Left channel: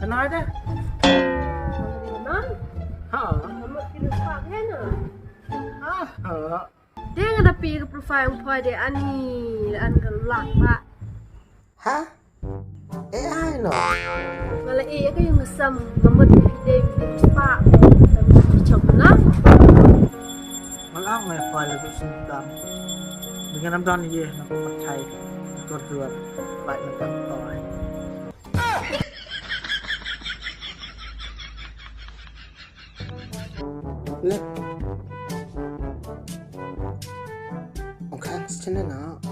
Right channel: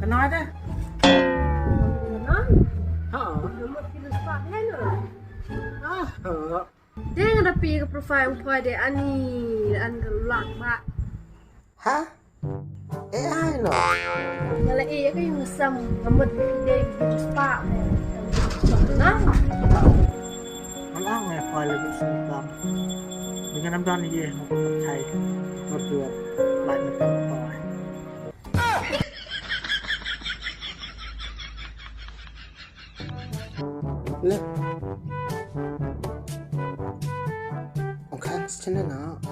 Kenal dah. Mana? Ha. Nama kita sepak kan? Ha. Dia ada pergi ke profile umpai dia ani, an gelak pak. Ha? AI no. Kalau kan yang ngesam, nama dia yang sepak kan. Macam mana? Malang ya file lebih sengkam. Dengan nampak ni je nak percaya dua like macam toy. Le. Ông khang channel nào?